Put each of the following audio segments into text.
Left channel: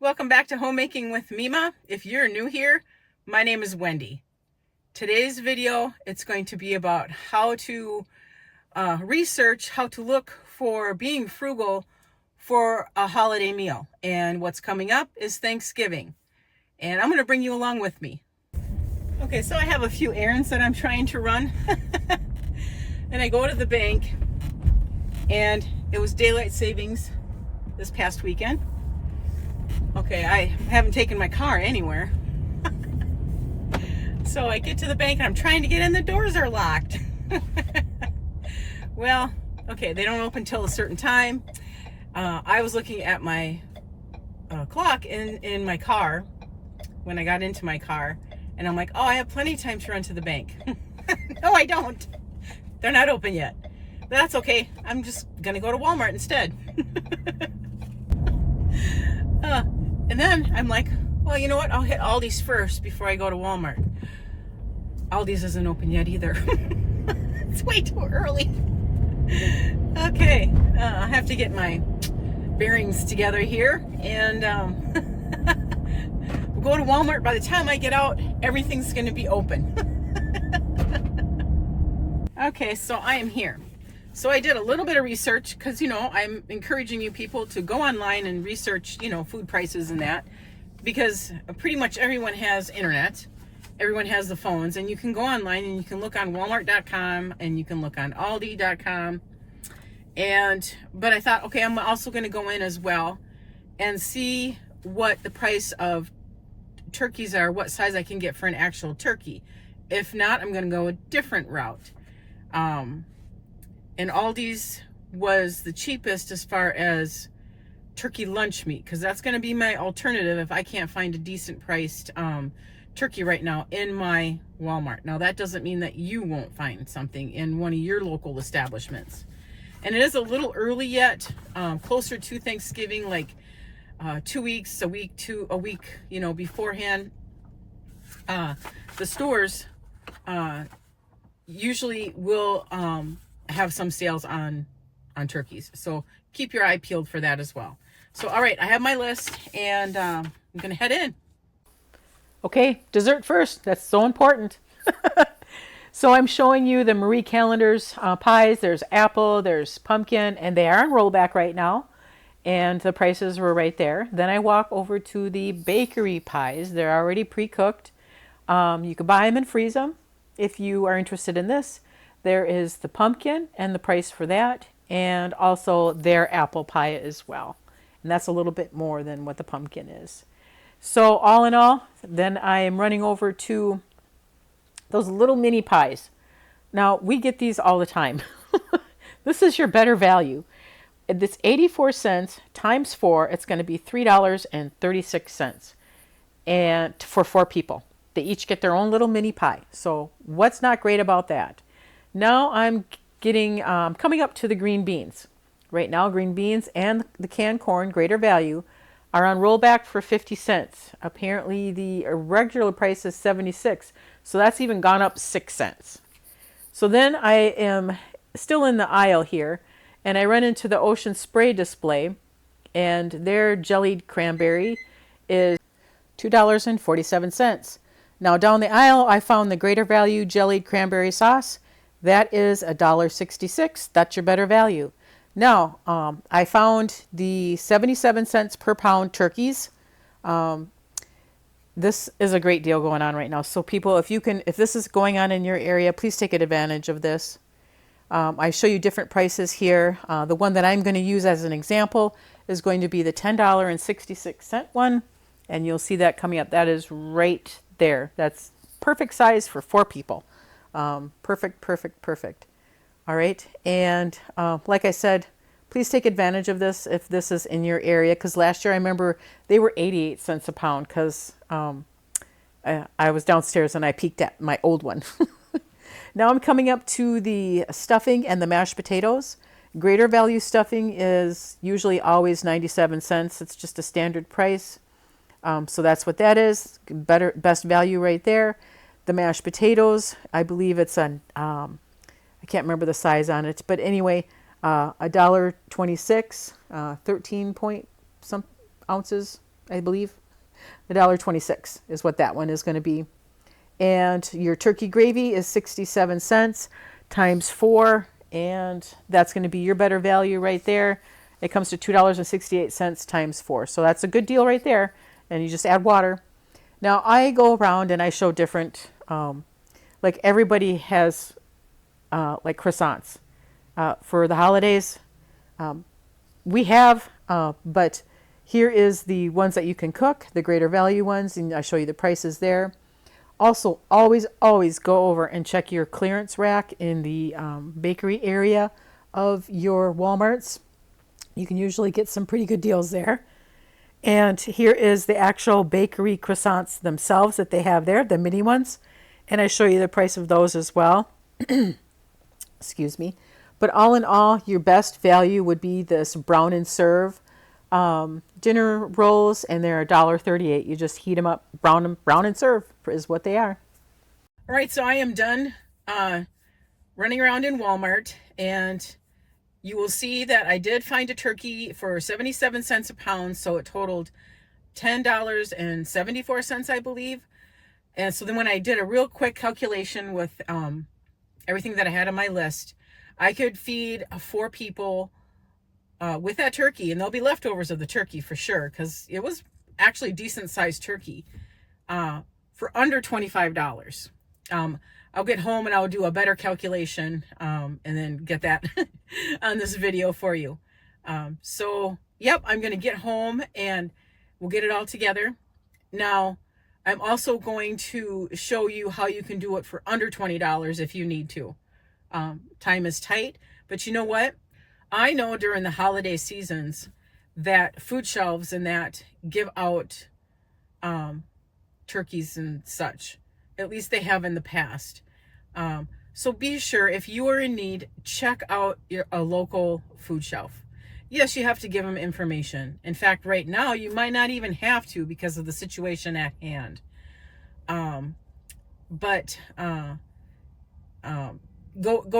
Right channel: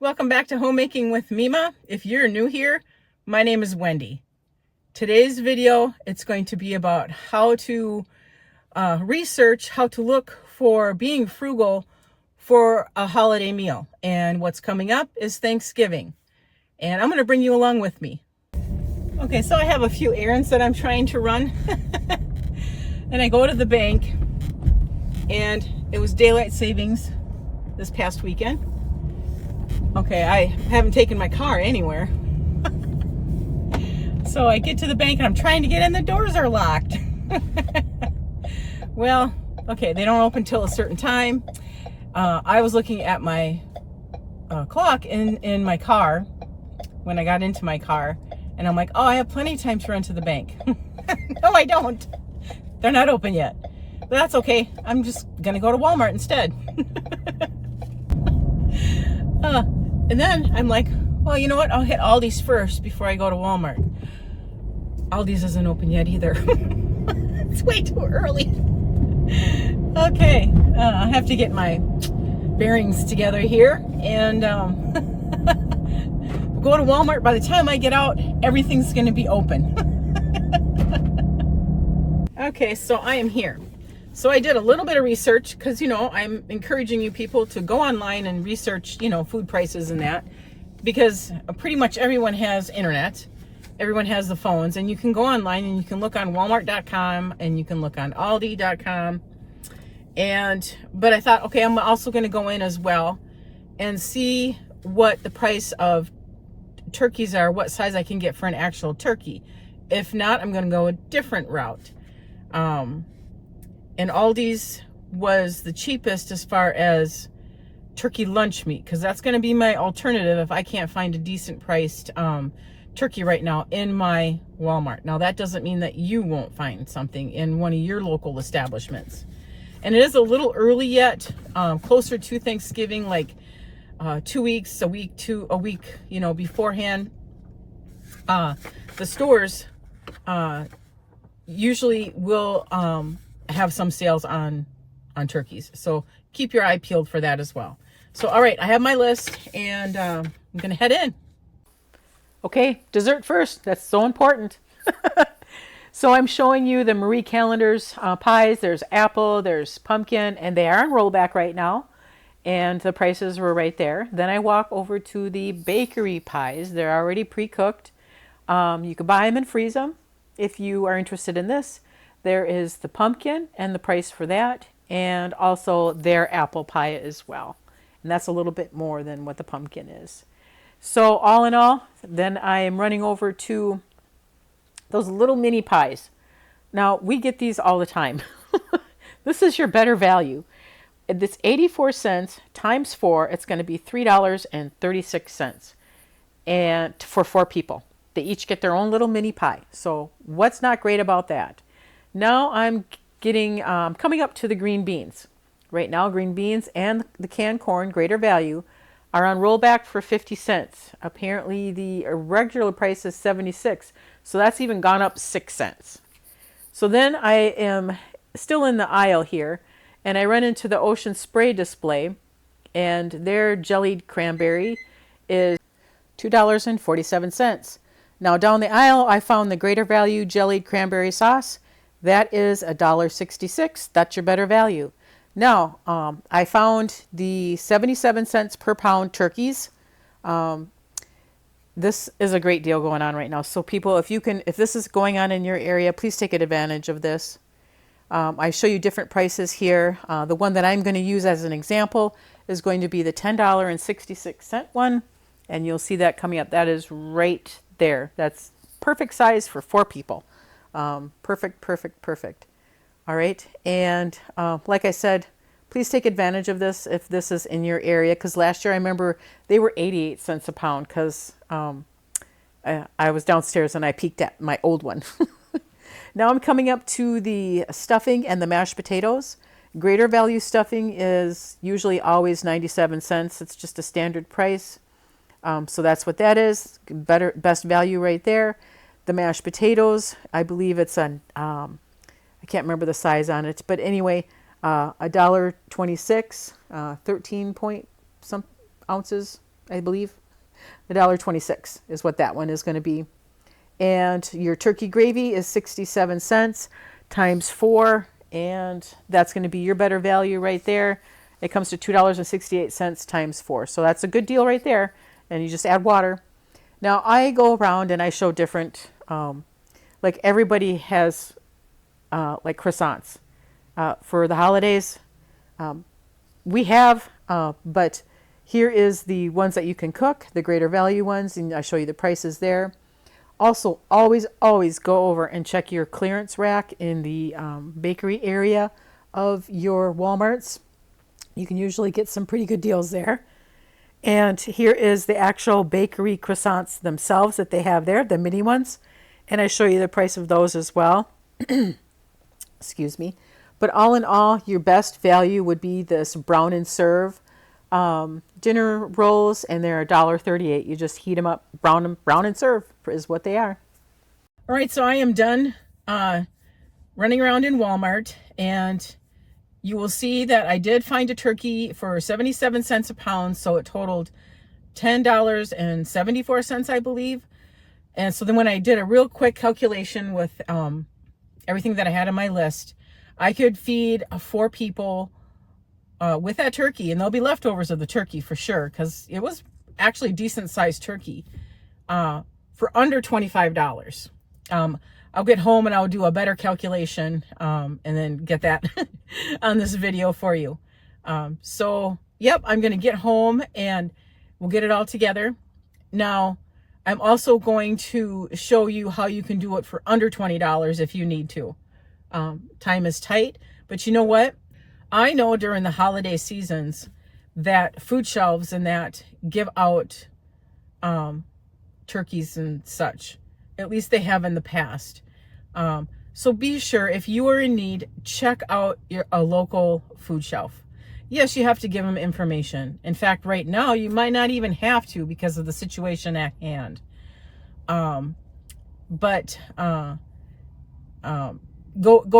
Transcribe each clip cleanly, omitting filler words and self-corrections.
Welcome back to Homemaking with Mima. If you're new here, my name is Wendy. Today's video, it's going to be about how to research, how to look for being frugal for a holiday meal. And what's coming up is Thanksgiving. And I'm going to bring you along with me. Okay, so I have a few errands that I'm trying to run. And I go to the bank, and it was daylight savings this past weekend. Okay, I haven't taken my car anywhere. So I get to the bank and I'm trying to get in, the doors are locked. Well, okay, they don't open till a certain time. I was looking at my clock in my car when I got into my car, and I'm like, oh, I have plenty of time to run to the bank. No, I don't. They're not open yet. But that's okay. I'm just gonna go to Walmart instead. And then I'm like, well, you know what? I'll hit Aldi's first before I go to Walmart. Aldi's isn't open yet either. It's way too early. Okay, I have to get my bearings together here and go to Walmart. By the time I get out, everything's going to be open. Okay, so I am here. So I did a little bit of research because, I'm encouraging you people to go online and research, food prices and that, because pretty much everyone has internet. Everyone has the phones, and you can go online and you can look on Walmart.com and you can look on Aldi.com. But I thought, okay, I'm also going to go in as well and see what the price of turkeys are, what size I can get for an actual turkey. If not, I'm going to go a different route. And Aldi's was the cheapest as far as turkey lunch meat, because that's going to be my alternative if I can't find a decent priced turkey right now in my Walmart. Now, that doesn't mean that you won't find something in one of your local establishments. And it is a little early yet, closer to Thanksgiving, like 2 weeks, a week beforehand. The stores usually will have some sales on turkeys. So keep your eye peeled for that as well. So, all right, I have my list, and I'm going to head in. Okay, dessert first. That's so important. So I'm showing you the Marie Callender's pies. There's apple, there's pumpkin, and they are on rollback right now. And the prices were right there. Then I walk over to the bakery pies. They're already pre-cooked. You can buy them and freeze them if you are interested in this. There is the pumpkin and the price for that, and also their apple pie as well. And that's a little bit more than what the pumpkin is. So all in all, then I am running over to those little mini pies. Now, we get these all the time. This is your better value. This 84 cents times 4, it's going to be $3.36. And for 4 people. They each get their own little mini pie. So what's not great about that? Now I'm coming up to the green beans. Right now, green beans and the canned corn, greater value, are on rollback for 50 cents. Apparently, the regular price is 76, so that's even gone up 6 cents. So then I am still in the aisle here, and I run into the Ocean Spray display, and their jellied cranberry is $2.47. Now down the aisle, I found the greater value jellied cranberry sauce. That is $1.66. That's your better value. Now, I found the 77 cents per pound turkeys. This is a great deal going on right now. So people, if this is going on in your area, please take advantage of this. I show you different prices here. The one that I'm going to use as an example is going to be the $10.66 one. And you'll see that coming up. That is right there. That's perfect size for 4 people. Perfect. All right. And like I said, please take advantage of this if this is in your area. Because last year I remember they were 88 cents a pound because I was downstairs and I peeked at my old one. Now I'm coming up to the stuffing and the mashed potatoes. Greater value stuffing is usually always 97 cents. It's just a standard price. So that's what that is. Best value right there. The mashed potatoes, I believe it's I can't remember the size on it, but anyway, $1.26, 13 point some ounces I believe. $1.26 is what that one is going to be. And your turkey gravy is 67 cents times 4, and that's going to be your better value right there. It comes to $2.68 times 4. So that's a good deal right there. And you just add water. Now I go around and I show different, like everybody has like croissants for the holidays. We have, but here is the ones that you can cook, the greater value ones, and I show you the prices there. Also, always go over and check your clearance rack in the bakery area of your Walmarts. You can usually get some pretty good deals there. And here is the actual bakery croissants themselves that they have there, the mini ones. And I show you the price of those as well. Excuse me. But all in all, your best value would be this brown and serve dinner rolls, and they're $1.38. You just heat them up, brown and serve is what they are. All right, so I am done running around in Walmart, and you will see that I did find a turkey for 77 cents a pound, so it totaled $10.74, I believe. And so then when I did a real quick calculation with everything that I had on my list, I could feed 4 people with that turkey, and there'll be leftovers of the turkey for sure, because it was actually decent sized turkey for under $25. I'll get home and I'll do a better calculation and then get that on this video for you. So yep, I'm going to get home and we'll get it all together. Now, I'm also going to show you how you can do it for under $20 if you need to. Time is tight, but you know what? I know during the holiday seasons that food shelves and that give out turkeys and such. At least they have in the past. So be sure, if you are in need, check out a local food shelf. Yes, you have to give them information. In fact, right now, you might not even have to because of the situation at hand. Go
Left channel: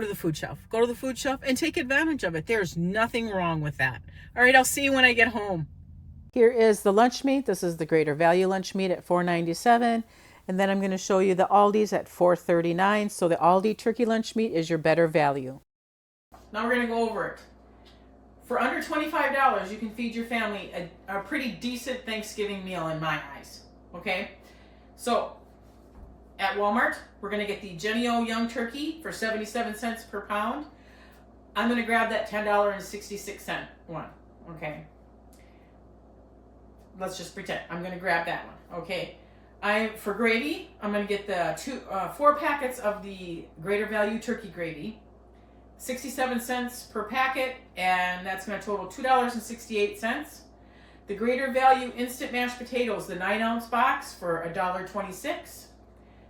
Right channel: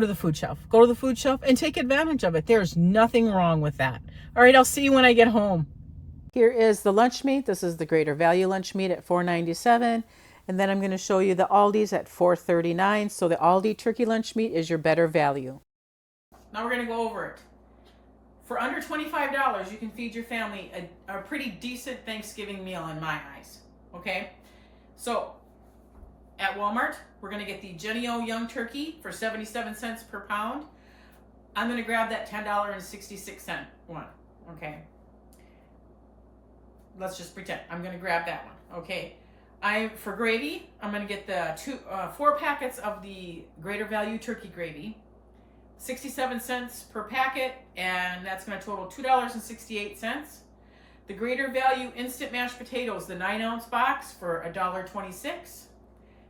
to the food shelf. Go to the food shelf and take advantage of it. There's nothing wrong with that. All right, I'll see you when I get home. Here is the lunch meat. This is the greater value lunch meat at $4.97. And then I'm going to show you the Aldi's at $4.39. So the Aldi turkey lunch meat is your better value. Now we're going to go over it. For under $25, you can feed your family a pretty decent Thanksgiving meal in my eyes. Okay? So at Walmart, we're going to get the Jennie-O Young Turkey for 77 cents per pound. I'm going to grab that $10.66 one. Okay? Let's just pretend. I'm going to grab that one. Okay? For gravy, I'm going to get the 4 packets of the greater value turkey gravy. 67 cents per packet, and that's going to total $2.68. The greater value instant mashed potatoes, the 9-ounce box for $1.26.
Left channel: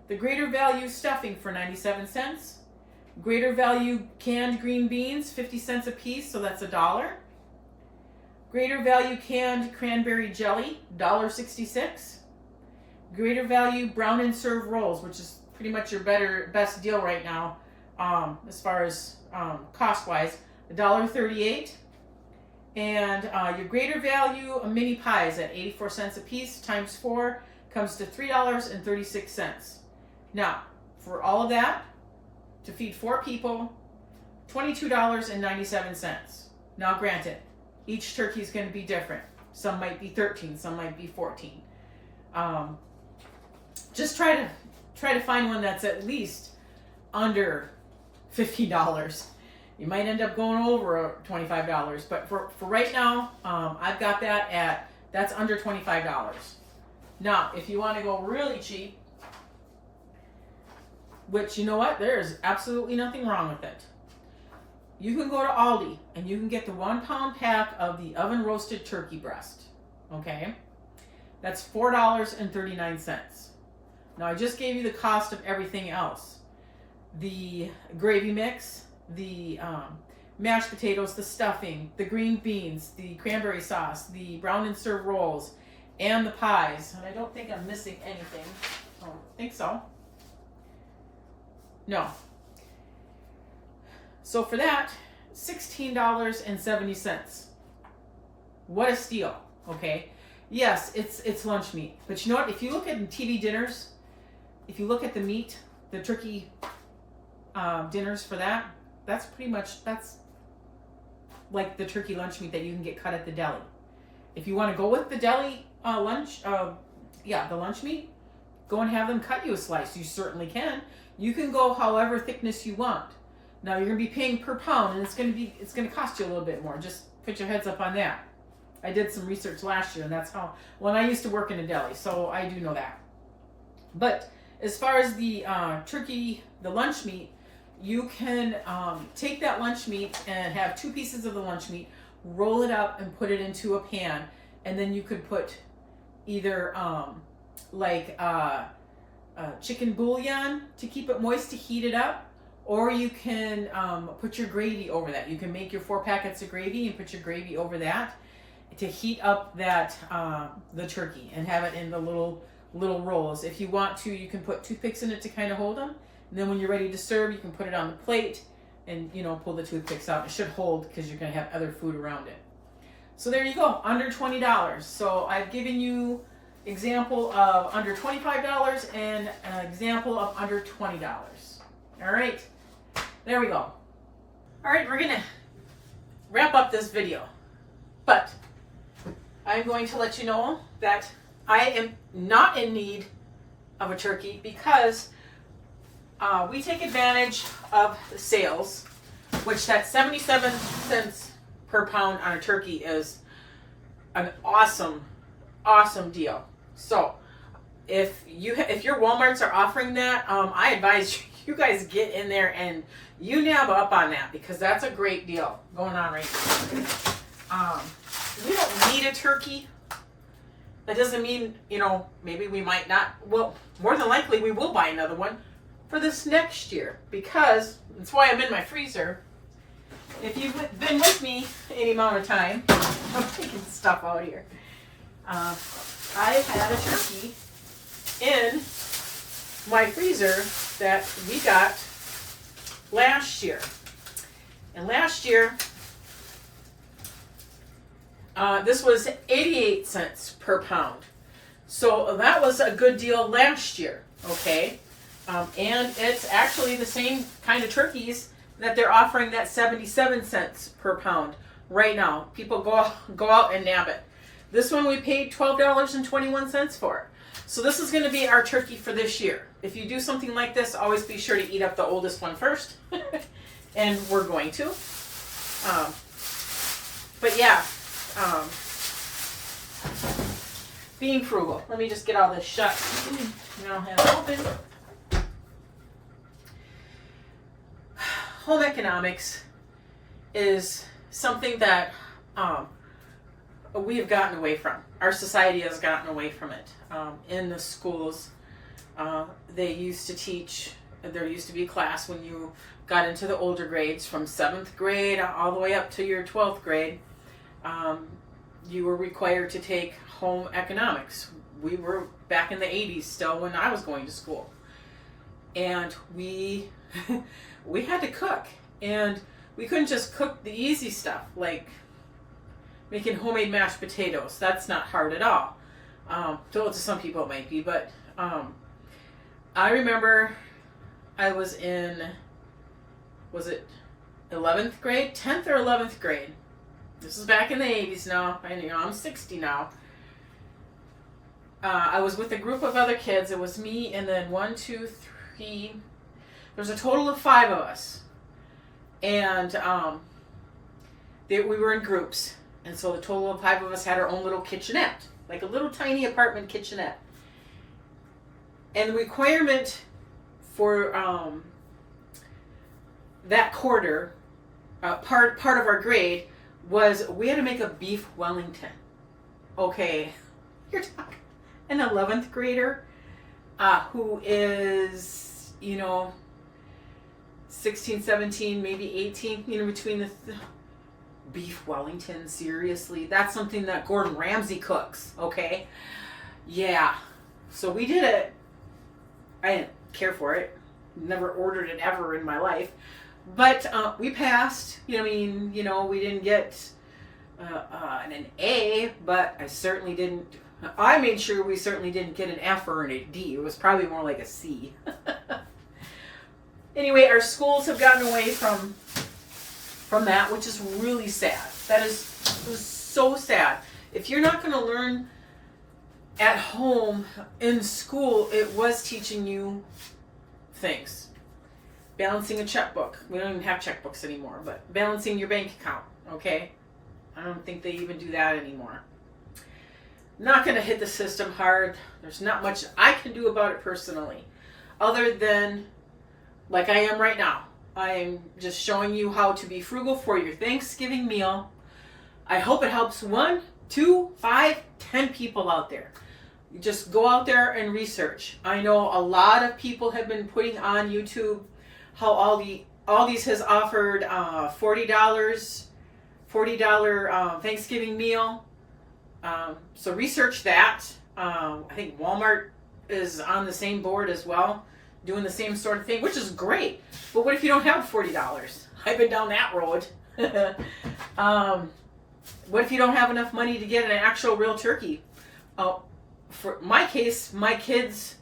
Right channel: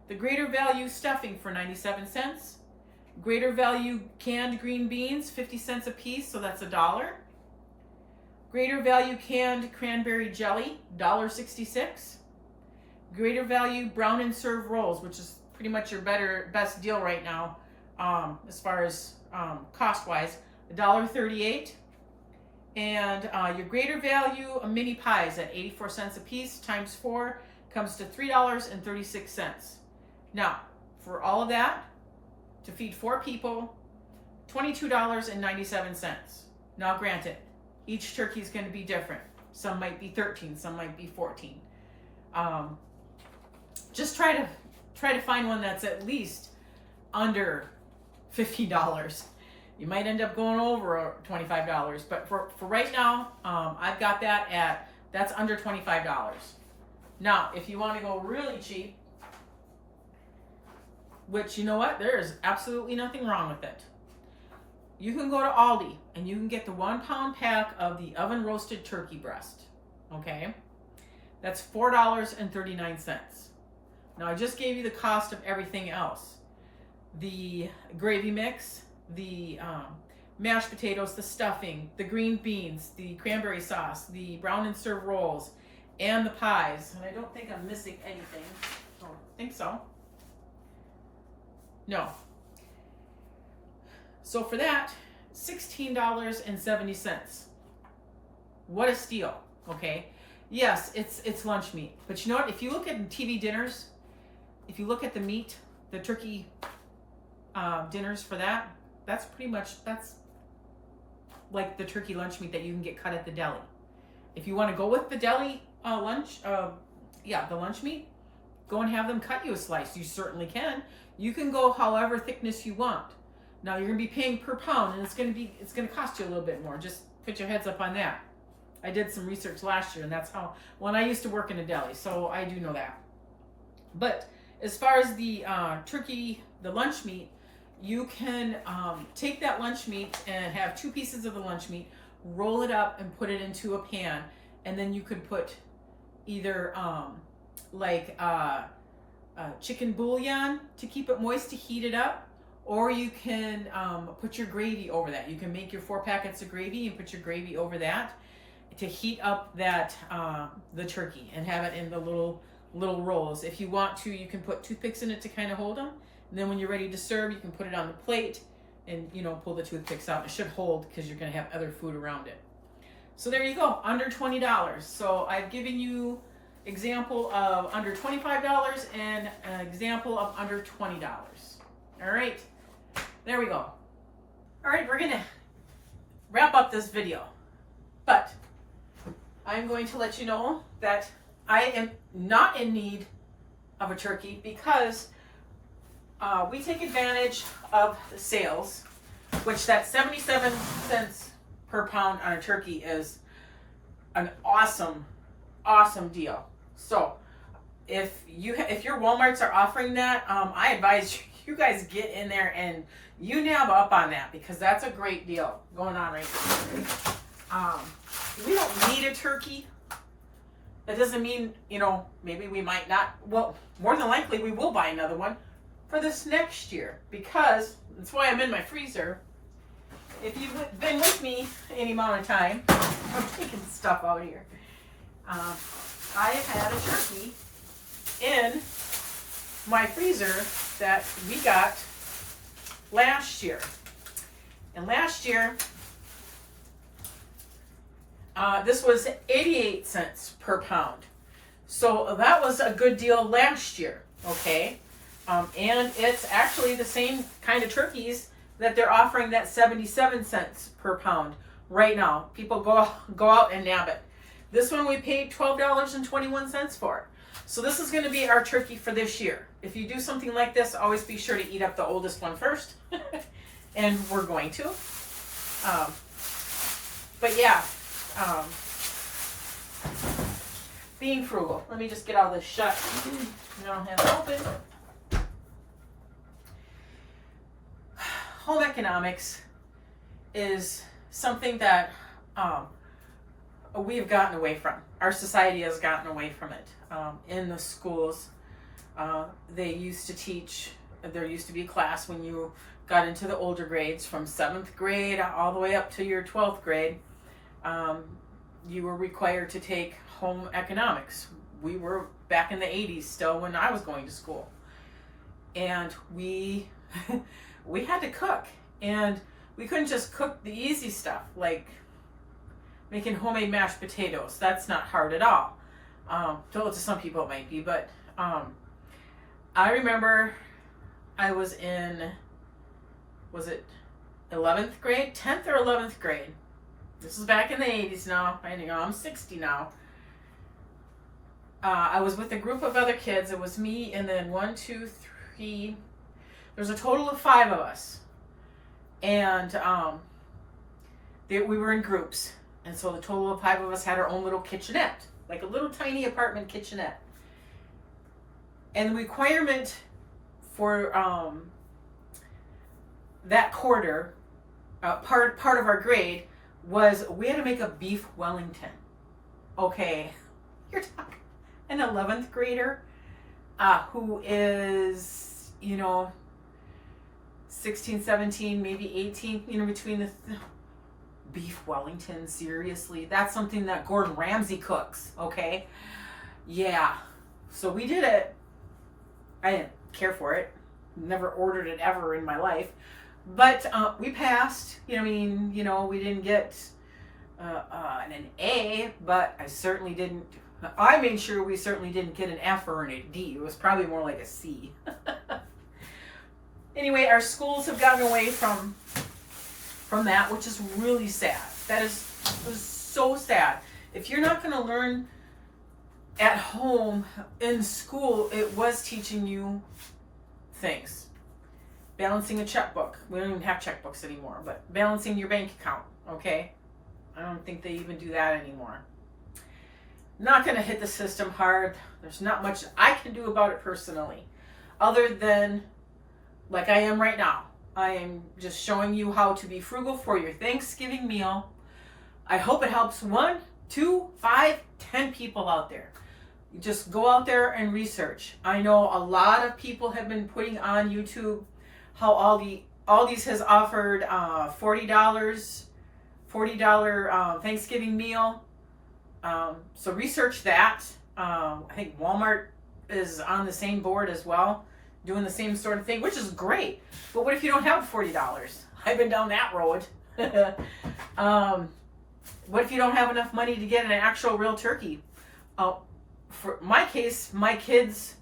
The greater value stuffing for 97 cents. Greater value canned green beans, 50 cents a piece, so that's $1. Greater value canned cranberry jelly, $1.66. Greater value brown and serve rolls, which is pretty much your best deal right now, as far as cost-wise, $1.38. And your greater value mini pies at 84 cents a piece times 4 comes to $3.36. Now, for all of that, to feed 4 people, $22.97. Now, granted, each turkey is going to be different. Some might be 13, some might be 14. Just try to find one that's at least under $50. You might end up going over $25, but for right now, I've got that's under $25. Now, if you want to go really cheap, which, you know what, there is absolutely nothing wrong with it. You can go to Aldi and you can get the 1-pound pack of the oven roasted turkey breast. Okay, that's $4.39. Now, I just gave you the cost of everything else. The gravy mix, the mashed potatoes, the stuffing, the green beans, the cranberry sauce, the brown and serve rolls, and the pies. And I don't think I'm missing anything. I don't think so. No. So for that, $16.70. What a steal, okay? Yes, it's lunch meat. But you know what? If you look at TV dinners, if you look at the meat, the turkey dinners for that, that's like the turkey lunch meat that you can get cut at the deli. If you want to go with the deli lunch, the lunch meat, go and have them cut you a slice. You certainly can. You can go however thickness you want. Now you're gonna be paying per pound, and it's gonna cost you a little bit more. Just put your heads up on that. I did some research last year, and that's how, when I used to work in a deli, so I do know that. But as far as the turkey, the lunch meat, you can take that lunch meat and have 2 pieces of the lunch meat, roll it up and put it into a pan, and then you could put either chicken bouillon to keep it moist to heat it up, or you can put your gravy over that. You can make your 4 packets of gravy and put your gravy over that to heat up that the turkey and have it in the little rolls. If you want to, you can put toothpicks in it to kind of hold them. And then when you're ready to serve, you can put it on the plate and pull the toothpicks out. It should hold because you're going to have other food around it. So there you go, under $20. So I've given you example of under $25 and an example of under $20. All right, there we go. All right, we're gonna wrap up this video, but I'm going to let you know that I am not in need of a turkey because we take advantage of the sales, which that 77 cents per pound on a turkey is an awesome deal. So if your Walmarts are offering that, I advise you guys get in there and you nab up on that, because that's a great deal going on right now. We don't need a turkey. That doesn't mean, maybe we might not. Well, more than likely we will buy another one for this next year, because that's why I'm in my freezer. If you've been with me any amount of time, I'm taking stuff out here. I had a turkey in my freezer that we got last year. And last year, this was 88 cents per pound. So that was a good deal last year, okay? And it's actually the same kind of turkeys that they're offering that 77 cents per pound right now. People go out and nab it. This one we paid $12.21 for. So this is going to be our turkey for this year. If you do something like this, always be sure to eat up the oldest one first. And we're going to. But yeah, being frugal. Let me just get all this shut. Now have it open. Home economics is something that we have gotten away from. Our society has gotten away from it. In the schools, they used to teach, there used to be a class when you got into the older grades, from 7th grade all the way up to your 12th grade, you were required to take home economics. We were back in the 80s still when I was going to school. And we had to cook. And we couldn't just cook the easy stuff, like making homemade mashed potatoes. That's not hard at all. Though to some people it might be, but I remember I was in, was it 11th grade? 10th or 11th grade. This is back in the 80s now. I'm 60 now. I was with a group of other kids. It was me and then 1, 2, 3. There's a total of 5 of us. And we were in groups. And so the total of 5 of us had our own little kitchenette, like a little tiny apartment kitchenette. And the requirement for that quarter, part of our grade, was we had to make a beef Wellington. Okay, you're talking an 11th grader who is, 16, 17, maybe 18, between the beef Wellington, seriously. That's something that Gordon Ramsay cooks, okay? Yeah. So we did it. I didn't care for it. Never ordered it ever in my life. But we passed. We didn't get an A, but I made sure we certainly didn't get an F or a D. It was probably more like a C. Anyway, our schools have gotten away from that, which is really sad. It was so sad. If you're not going to learn at home, in school, it was teaching you things. Balancing a checkbook. We don't even have checkbooks anymore, but balancing your bank account, okay? I don't think they even do that anymore. Not going to hit the system hard. There's not much I can do about it personally, other than like I am right now. I am just showing you how to be frugal for your Thanksgiving meal. I hope it helps 1, 2, 5, 10 people out there. You just go out there and research. I know a lot of people have been putting on YouTube how Aldi's has offered $40 Thanksgiving meal. So research that. I think Walmart is on the same board as well, doing the same sort of thing, which is great. But what if you don't have $40? I've been down that road. What if you don't have enough money to get an actual real turkey? For my case, my kids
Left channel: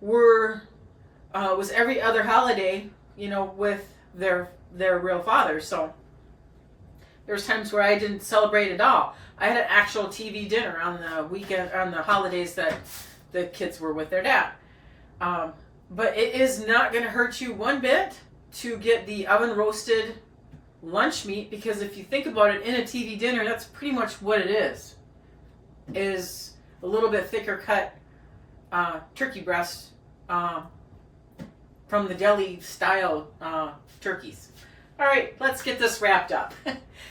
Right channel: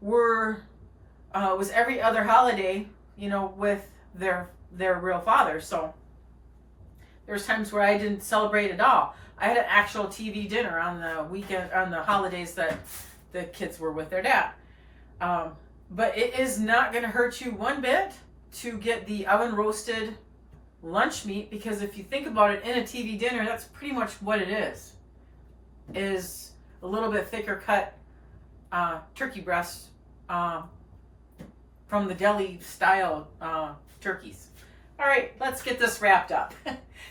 was every other holiday, with their real father. So there was times where I didn't celebrate at all. I had an actual TV dinner on the weekend, on the holidays that the kids were with their dad. But it is not going to hurt you one bit to get the oven roasted lunch meat, because if you think about it, in a TV dinner, that's pretty much what it is a little bit thicker cut turkey breast from the deli style turkeys. All right, let's get this wrapped up.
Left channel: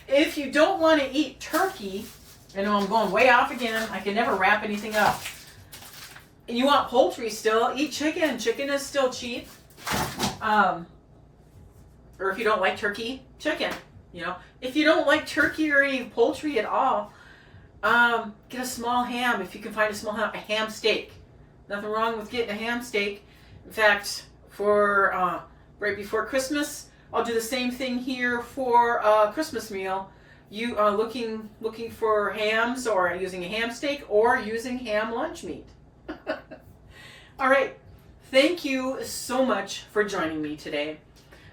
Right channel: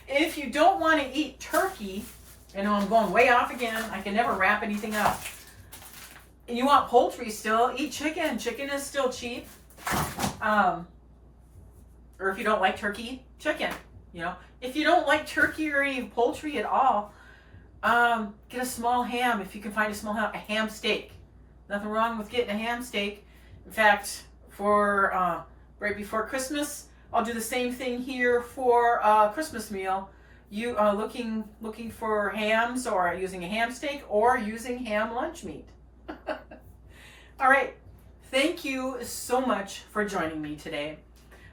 If you don't want to eat turkey, and I'm going way off again, I can never wrap anything up. And you want poultry still, eat chicken. Chicken is still cheap. Or if you don't like turkey, chicken. If you don't like turkey or any poultry at all, get a small ham if you can find a small ham. A ham steak. Nothing wrong with getting a ham steak. In fact, for right before Christmas, I'll do the same thing here for a Christmas meal. You are looking for hams, or using a ham steak, or using ham lunch meat. All right. Thank you so much for joining me today.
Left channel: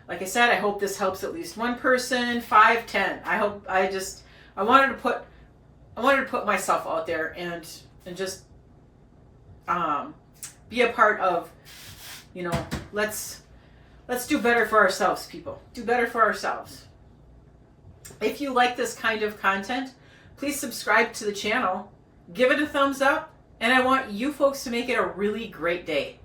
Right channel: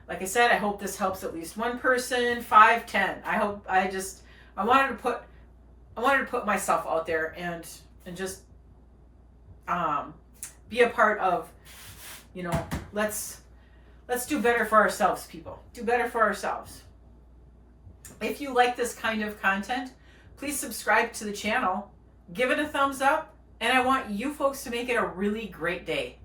Like I said, I hope this helps at least one person, 5, 10. I wanted to put myself out there and just be a part of, let's do better for ourselves, people. Do better for ourselves. If you like this kind of content, please subscribe to the channel, give it a thumbs up, and I want you folks to make it a really great day.